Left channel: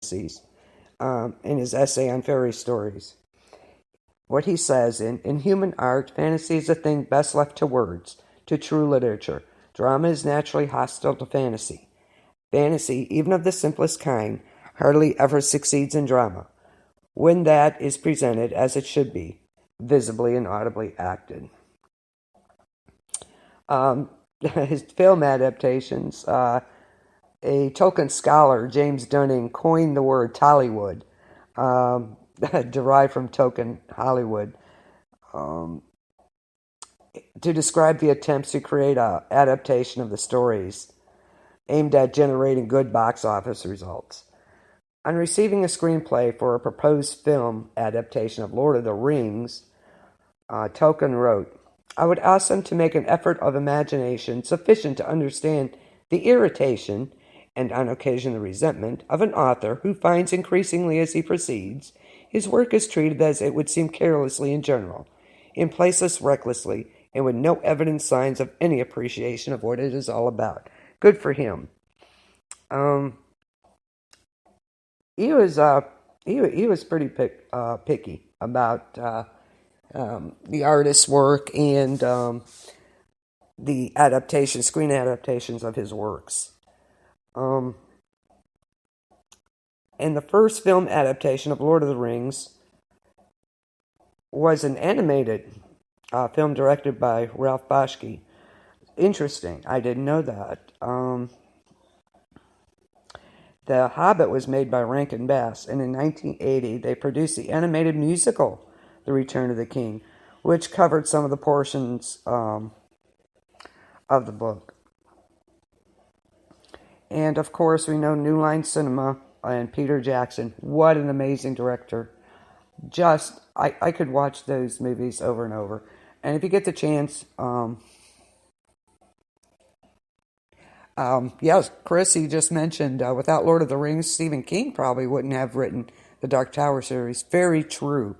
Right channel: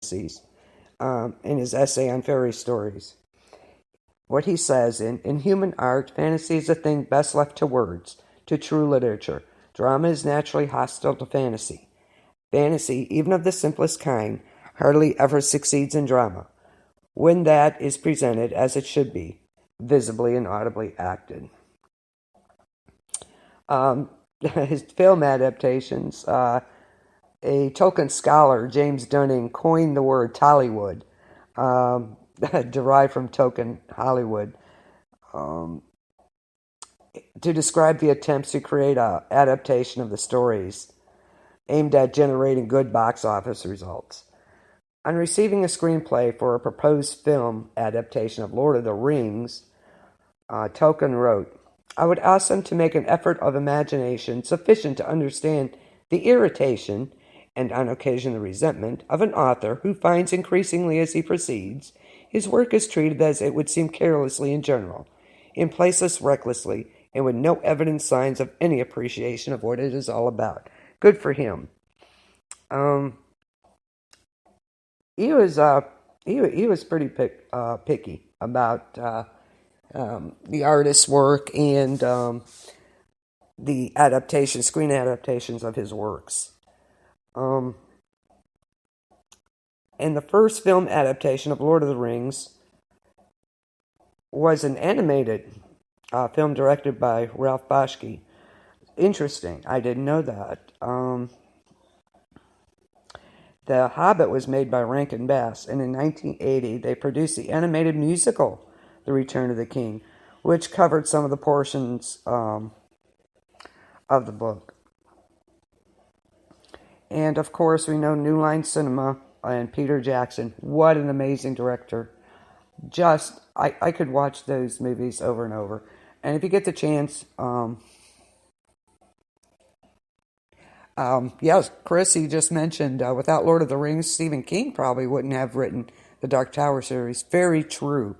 fantasies in his essay on fairy stories. What he says, in human art, fantasy is a thing best left to words, to true literature. Drama is naturally hostile to fantasy. Fantasy, even of the simplest kind, hardly ever succeeds in drama, when that is presented as it should be, visibly and audibly acted. His film adaptations, a Tolkien scholar, James Dunning, coined the word Tollywood, derived from Tolkien Hollywood, to describe the attempts to create an adaptation of the stories aimed at generating good box office results. On receiving a screenplay for a proposed film adaptation of Lord of the Rings, Tolkien wrote, "I would ask them to make an effort of imagination sufficient to understand the irritation, and on occasion the resentment, of an author who finds increasingly as he proceeds, his work is treated as it would seem carelessly in general, in places recklessly, and with no evident signs of any appreciation of what it is all about." Good for him. He was pretty picky about the artist's work and the screen adaptations of his works. And the first film adaptation of Lord of the Rings was an animated film directed by Ralph Bakshi. Interesting. I didn't know that. The Hobbit was made by Rankin Bass, and in 1980 they produced the animated musical The Return of the King, which covered some of the portions of the book. And of course, we know New Line Cinema and Peter Jackson. What an amazing director. I could watch those movies over and over. And if you get the chance, yes, Chris, you just mentioned, without Lord of the Rings, Stephen King probably wouldn't have written the Dark Tower series. Very true.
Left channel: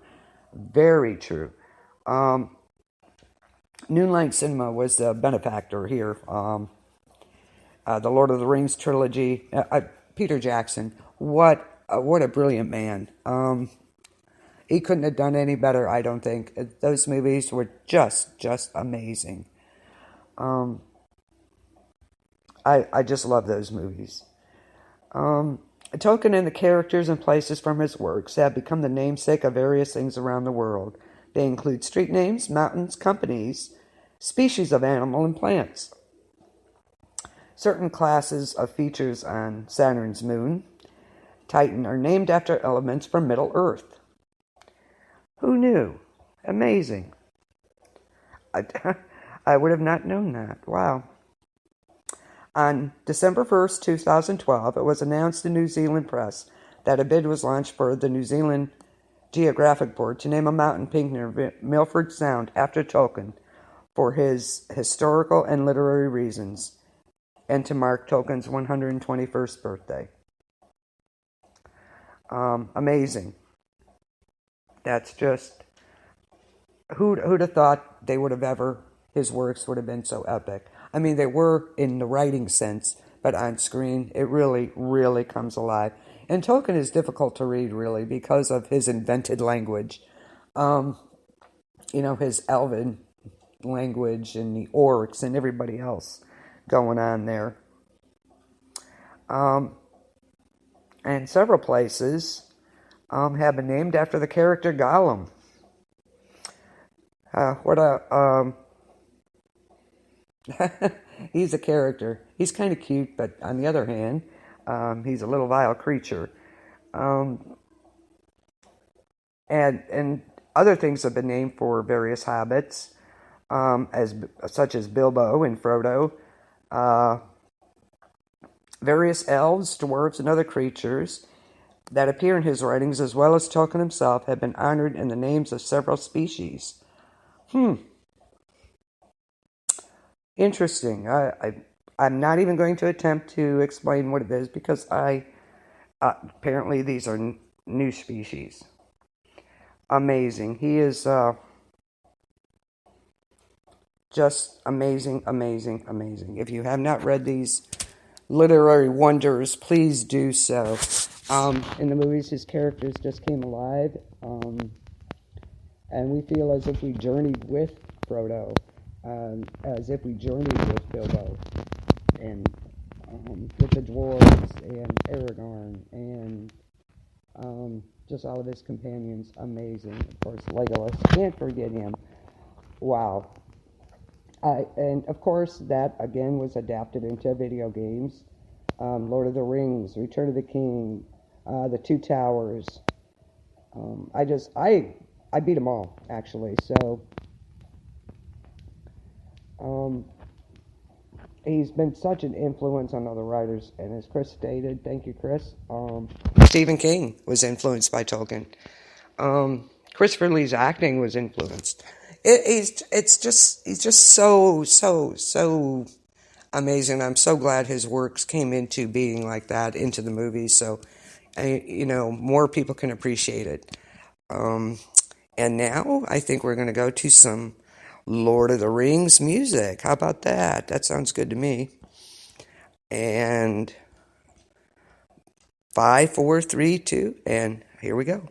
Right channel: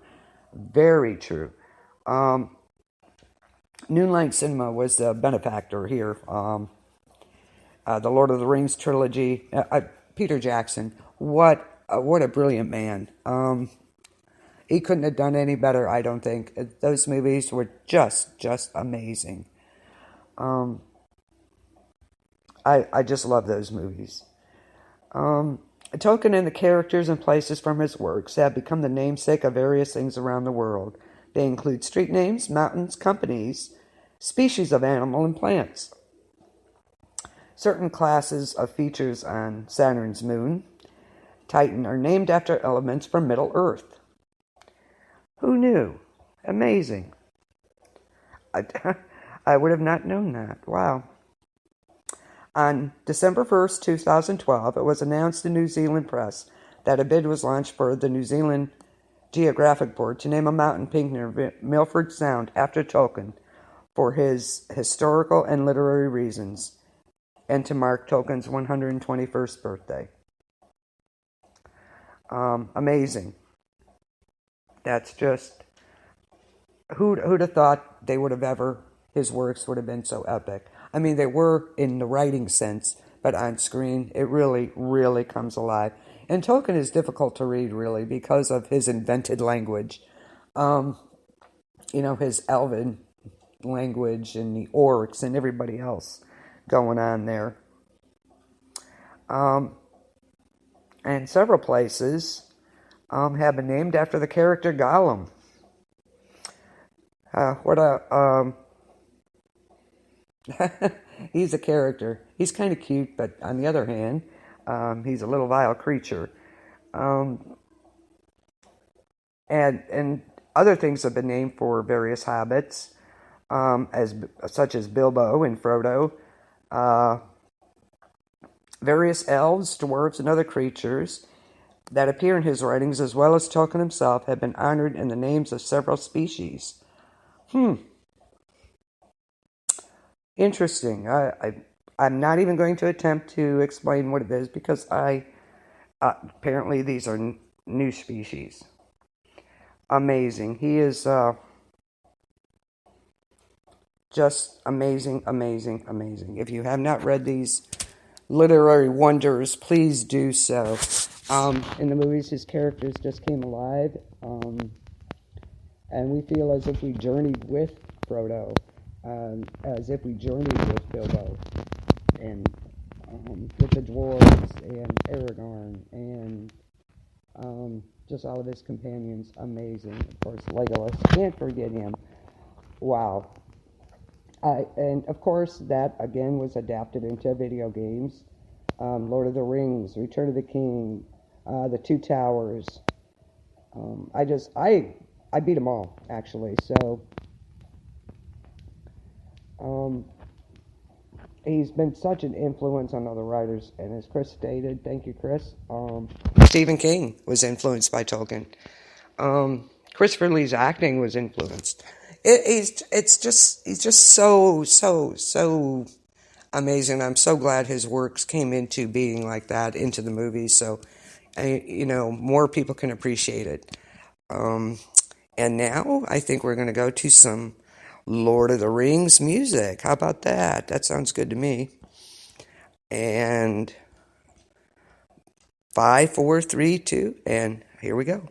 Very true. New Line Cinema was the benefactor here. The Lord of the Rings trilogy. Peter Jackson. What a brilliant man. He couldn't have done any better, I don't think. Those movies were just amazing. I just love those movies. Tolkien and the characters and places from his works have become the namesake of various things around the world. They include street names, mountains, companies, species of animal, and plants. Certain classes of features on Saturn's moon, Titan, are named after elements from Middle Earth. Who knew? Amazing. I would have not known that. Wow. On December 1st, 2012, it was announced in New Zealand press that a bid was launched for the New Zealand Geographic Board to name a mountain peak near Milford Sound after Tolkien for his historical and literary reasons, and to mark Tolkien's 121st birthday. Amazing. That's just, who'd have thought his works would have been so epic. I mean, they were in the writing sense, but on screen, it really, really comes alive. And Tolkien is difficult to read, really, because of his invented language. His Elven language and the orcs and everybody else going on there. And several places have been named after the character Gollum. He's a character. He's kind of cute, but on the other hand, he's a little vile creature. And other things have been named for various hobbits, such as Bilbo and Frodo. Various elves, dwarves, and other creatures that appear in his writings, as well as Tolkien himself, have been honored in the names of several species. Interesting. I'm not even going to attempt to explain what it is, because apparently these are new species. Amazing. He is just amazing. If you have not read these literary wonders, please do so. In the movies, his characters just came alive, and we feel as if we journeyed with Frodo, as if we journeyed with Bilbo, and with the dwarves and Aragorn and just all of his companions. Amazing. Of course, Legolas. Can't forget him. Wow. And of course, that again was adapted into video games. Lord of the Rings, Return of the King, The Two Towers. I beat them all, actually. So he's been such an influence on other writers, and as Chris stated, thank you, Chris. Stephen King was influenced by Tolkien. Christopher Lee's acting was influenced. He's just so amazing. I'm so glad his works came into being like that into the movies, so more people can appreciate it. And now I think we're going to go to some Lord of the Rings music. How about that? That sounds good to me. And 5, 4, 3, 2, and here we go.